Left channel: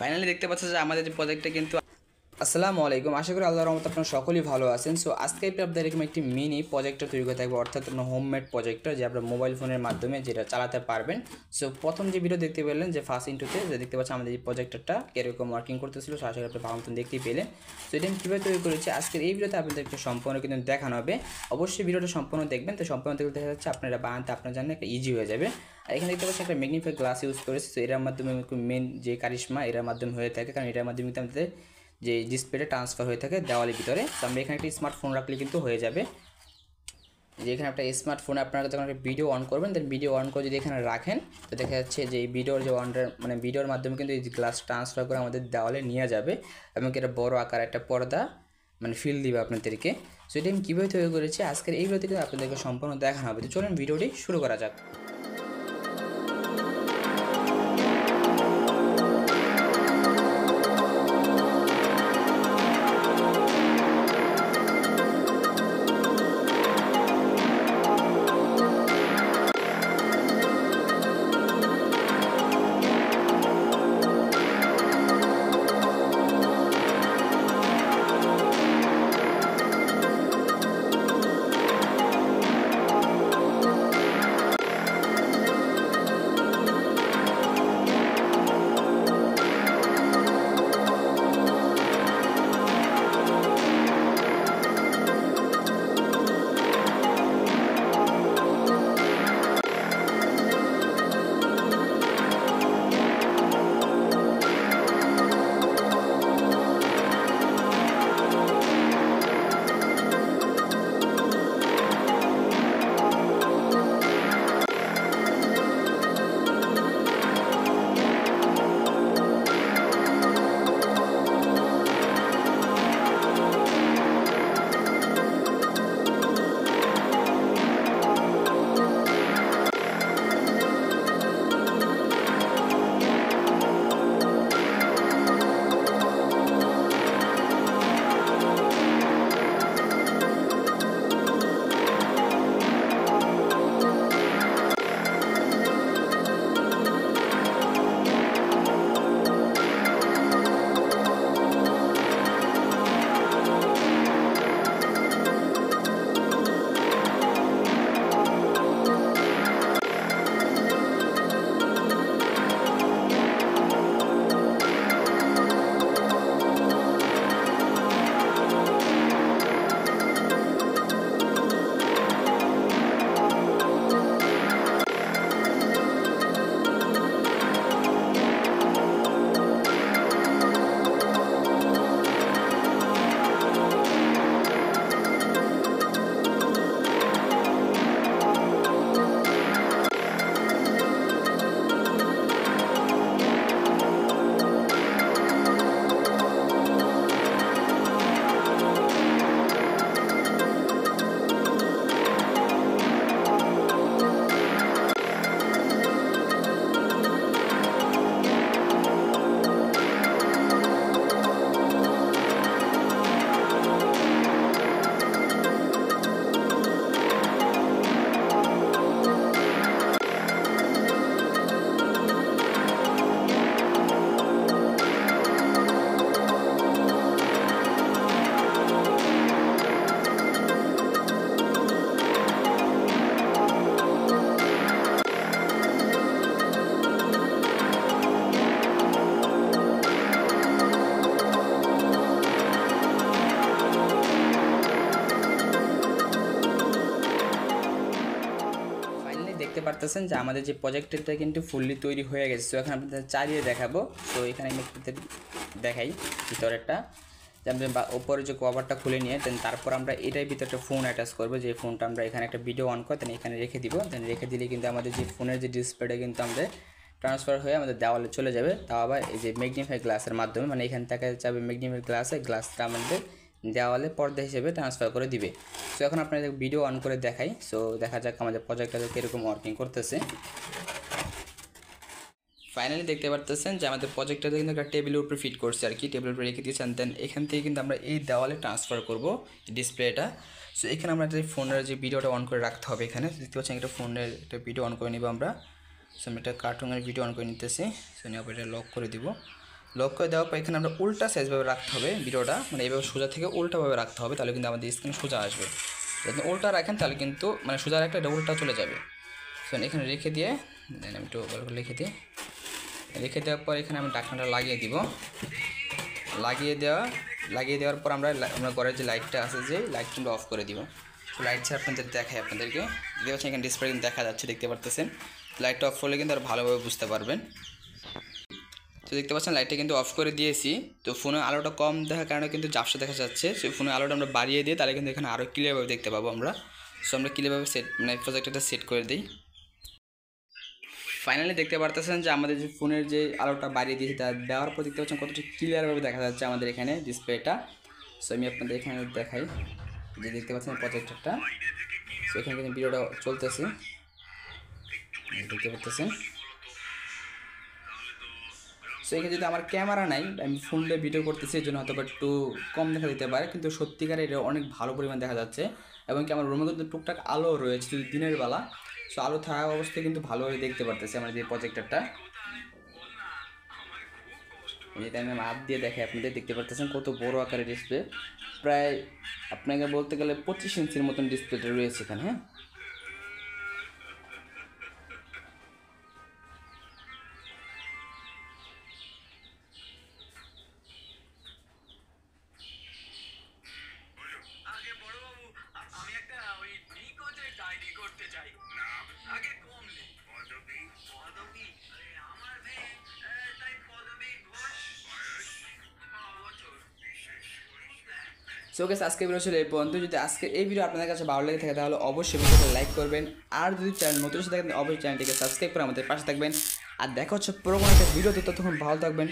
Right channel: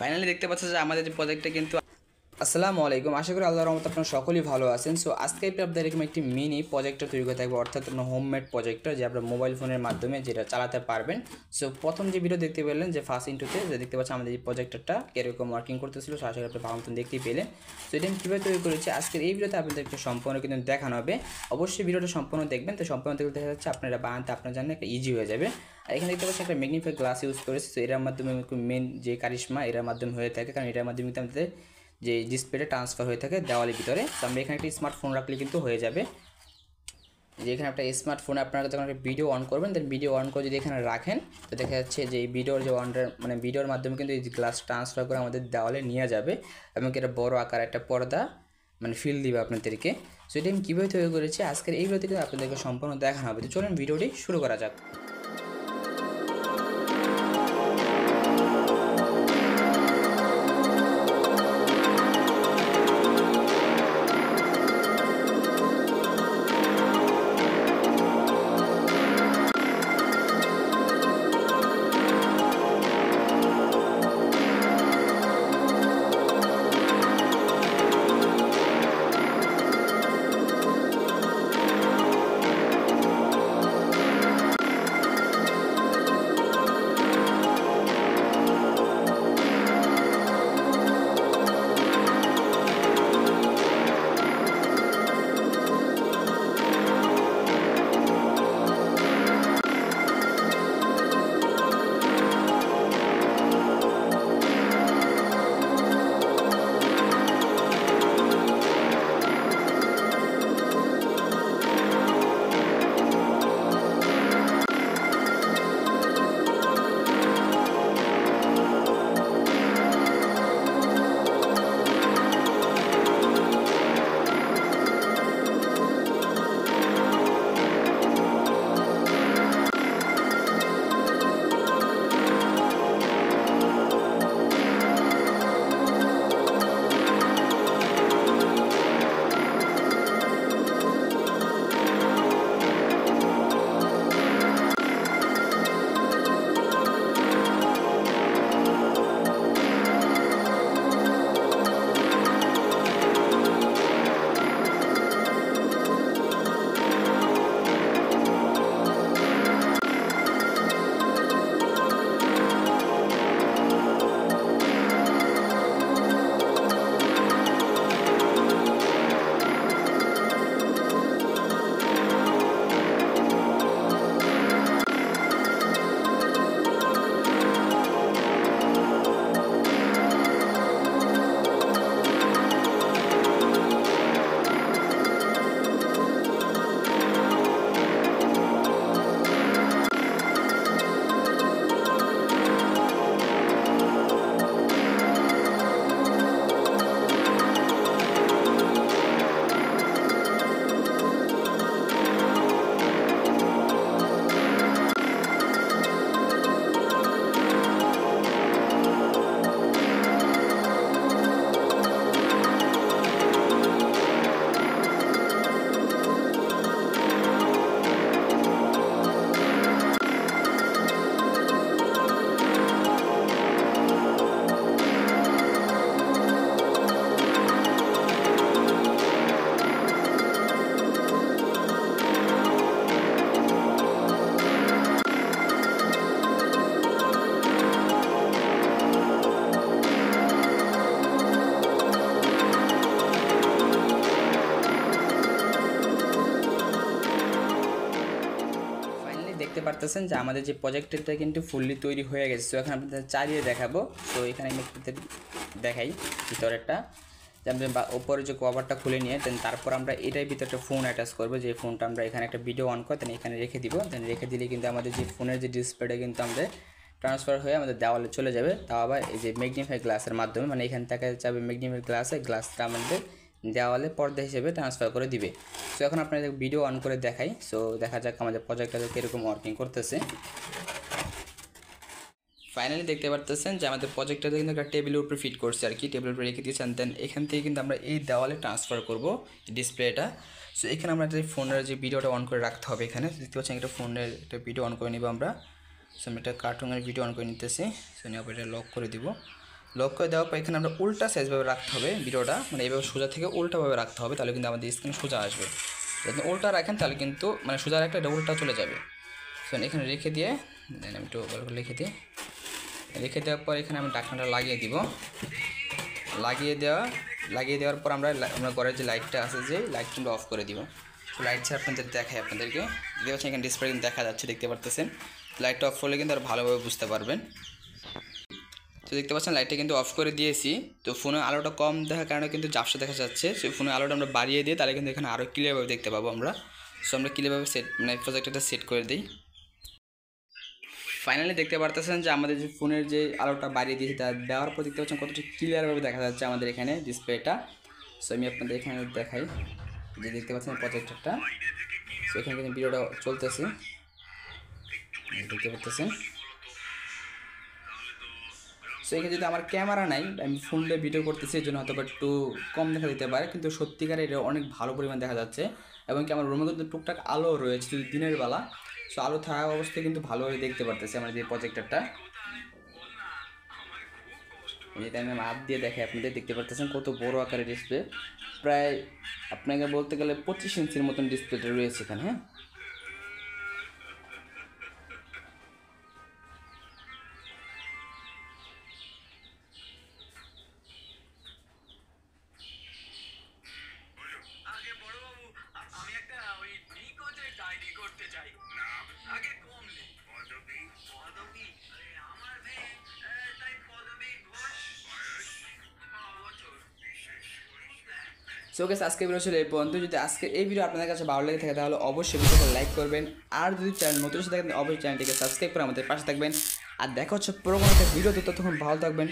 Finally দেখতে পাচ্ছেন যে আমাদের যে প্রজেক্টটা কিন্তু আসসালামু আলাইকুম। আশা করি আল্লাহর রহমতে আপনারা সকলেই ভালো আছেন। সো আজকে আপনাদের এরকম একটি মিনি প্রজেক্টর তৈরি করে থাকবে, অর্থাৎ আপনার হোমমেড প্রজেক্টর যে আপনার মোবাইল ফোনের মাধ্যমে যেটা চালাতে পারবেন। সো প্রথম যে ভিডিও দেখতে পেলেন যে ফার্স্ট ইন্টুতে যে দেখতে পাচ্ছেন আমাদের এই প্রজেক্টরটা কীরকম ওয়ার্কিং করতেছিল, সো আশা করি আপনি ভালো মতন দেখতেই পেলেন। সো এটা আমি কীভাবে তৈরি করেছি আজকের এই ভিডিওতে আপনাদেরকে সম্পূর্ণ কিন্তু দেখানো হবে। অবশ্যই ভিডিওটা সম্পূর্ণ দেখবেন, তো সম্পূর্ণ দেখতে দেখা যাচ্ছে আপনারা বানাতে আপনার জন্য একটা ইজি হয়ে যাবে। আর এখানে দেখতে পাচ্ছি একটা ম্যাগনিফাই গ্লাস ইউজ করেছি। তো এটার মাধ্যমে মেন যে কারিশমা এটার মাধ্যমে হয়ে থাকে, কারণ এটার মাধ্যমে কিন্তু আমাদের যে ডিসপ্লেটা ট্রান্সফার হয়ে থাকে দেওয়ালের ভিতরে। তো আমরা এখানে একটা স্মার্টফোন রাখলে কিন্তু হয়ে যাবে। যে এখানে একটা স্মার্টফোনে আপনারা যখন একটা ভিডিও অন করবেন, দেন ভিডিও অন করে যদি এখানে রাখেন তো দেখা যাচ্ছে যে এই ভিডিওর যে ভিডিওর মাধ্যমে কিন্তু এই গ্লাস ট্রান্সফার করে আমাদের দেওয়ালে নিয়ে যাবে এবং এটা বড় আকার একটা পর্দা ফিল দিবে আপনাদেরকে। সো এটা আমি কীভাবে তৈরি করেছি আজকের এই ভিডিওতে আপনাদেরকে সম্পূর্ণ দেখানো হবে। তো চলুন ভিডিওটি শুরু করা যাক। দেখতে পারতেছেন যে আমাদের যে প্রজেক্টরটা কিন্তু ফুললি তৈরি হয়ে গেছে। তো এখন আপনাদের চালিয়ে দেখাবো। তো এখানে আমি আপনাদের দেখাই ভিতরেরটা, যে আমরা ওপরে যে কভারটা খুলে নিয়ে দেন তারপর আমরা এটার ভিতরে একটা ফোন অ্যাটাচ করবো। যে ফোনটা আমরা এখানে একটা ভিডিও অন করে দেন এখানে রেখে দিব। দেন রেখে দিলে কিন্তু আমাদের যে ফোনের যে ডিসপ্লেটা কিন্তু আমাদের ট্রান্সফার হয়ে আমাদের দেওয়ালে চলে যাবে, তাও আবার এই যে ম্যাগনিফাই গ্লাসের মাধ্যমে, এখান থেকে যাবে ম্যাগনিফাই গ্লাসটা আমাদের দেওয়ালে পর্দা হিসেবে ট্রান্সফার করে দিবে। সো এখন আপনাদের ভিডিও অন করে দেখাই। সো দেখা যাক আমাদের প্রজেক্টটা কীরকম ওয়ার্কিং করতেছে। ফাইনালি দেখতে পারতেছেন যে আমাদের প্রজেক্টটাতে কিন্তু একটা টেবিলের উপরে ফিট করছে আর কি, টেবিলের উপরে রেখে দিয়েছেন। দেন এখান থেকে কিন্তু আমরা এই দেওয়ালে ট্রান্সফার করব ডিসপ্লেটা। সো এখানে আমরা যে ফোনের যে ভিডিওটা অন করে রাখতে হবে, এখানে দেখতে পাচ্ছেন একটা ফোনের একটা ভিডিও অন করে নিব আমরা। সো আমি একটা কার্টুনের ভিডিও অন করে নিতেছি। সো নিয়ে এটা লক করে দিব। লক করে দেওয়ার পর এখানে আমরা উল্টা সাইজভাবে রাখতে হবে ভিডিওটা, মানে এইভাবে সোজা থেকে উল্টাভাবে রাখতে হবে, তাহলে কিন্তু আমাদের স্ক্রিন সোজা আসবে। যদি উল্টা রাখেন তাহলে কিন্তু মানে সোজা রাখলে এটা উল্টা চলে যাবে। তো এখানে রেখে দিয়ে দেন আমি একটু ভালো করে রেখে দেওয়ার পর এখানে আমি ঢাকনাটা লাগিয়ে দিব। লাগিয়ে দেওয়ার পর আমরা ঘরের যে লাইটটা আছে যে লাইটটা আমরা অফ করে দিব। তো লাইট ছাড়া আপনাদের দেখাই আপনাদেরকে, দেখতে পাচ্ছেন এখানে ডিসপ্লে কিন্তু দেখা যাচ্ছে, দেখতে পারতেছেন। লাইটটা অফ করলে কিন্তু আর ভালোভাবে বুঝতে পারবেন। তো দেখতে পাচ্ছেন লাইটটা কিন্তু অফ করে দিয়েছি। তো ফোনের আলোটা কম দেখার কারণে কিন্তু ঝাপসা দেখা যাচ্ছে। সেই ফোনের আলোটা আমরা বাড়িয়ে দিই, তাহলে কিন্তু এখানে আরও ক্লিয়ারভাবে দেখতে পাবো আমরা। সো আমরা ক্লিয়ারভাবে প্রজেক্টরটা সেট করে দিই। ফাইনালি দেখতে পারতেছেন যে আমাদের যে ফোনের যে আলোটা বাড়িয়ে দিয়েছি তা দেওয়ার পর দেখতে পাচ্ছেন কতটা ক্লিয়ারভাবে দেখা যাচ্ছে আমাদের এখানে ডিসপ্লেটা। সো আমি আপনাদের এখানে দেখাই যে দেখতে পাচ্ছেন প্রজেক্টরটা। সো এখানে কিন্তু ভিডিওটা চলতেছে, দেখতে পাচ্ছেন। সো এখানে যদি আমার ক্যামেরা নাই, আমি ফোন দিয়ে ভিডিও করতেছি, এই জন্য হয়তো একটু কম দেখা দিতে পারে, কিন্তু সত্যিকারে এটা অনেক ভালো পরিমাণ দেখা যাচ্ছে। এবং কি আমার রুমে কিন্তু টুকটাক আলো রয়েছে যদি দিনের বেলা। সো আলো থাকা অবস্থায় কিন্তু ভালোভাবে দেখতে পারতেছি আমার যে প্রজেক্টরটা। যেটা আমি হাত দিয়ে দেখাই আপনাদের, দেখতে পারতেছেন কত বড় আকারের ডিসপ্লে। প্রায় আপনাকে বলতে গেলে 25 ইঞ্চির মতন ডিসপ্লেটা রয়েছে এখানে। হ্যাঁ, সো গাইস আজকে ভিডিও ছিল এই পর্যন্ত। যদি আজকে এই ভিডিও আপনাদের কাছে ভালো লেগে থাকে তাহলে অবশ্যই ভিডিওটা লাইক করবেন, আর যদি চ্যানেল নতুন এসে থাকেন অবশ্যই চ্যানেলটিকে সাবস্ক্রাইব করে আমাদের পাশে থাকবেন। আর দেখা হচ্ছে পুরোনো একটা ভিডিওতে, ততক্ষণ ভালো থাকবেন,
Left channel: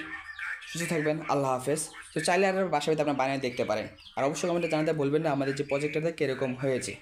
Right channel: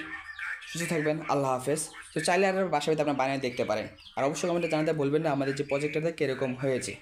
সুস্থ থাকবেন, আল্লাহ হাফেজ। তো চাইলে আর বাসায় আপনার বানিয়ে দেখতে পারেন। আর অবশ্যই কমেন্টে জানাতে বলবেন না আমাদের যে প্রজেক্টটা কীরকম হয়েছে।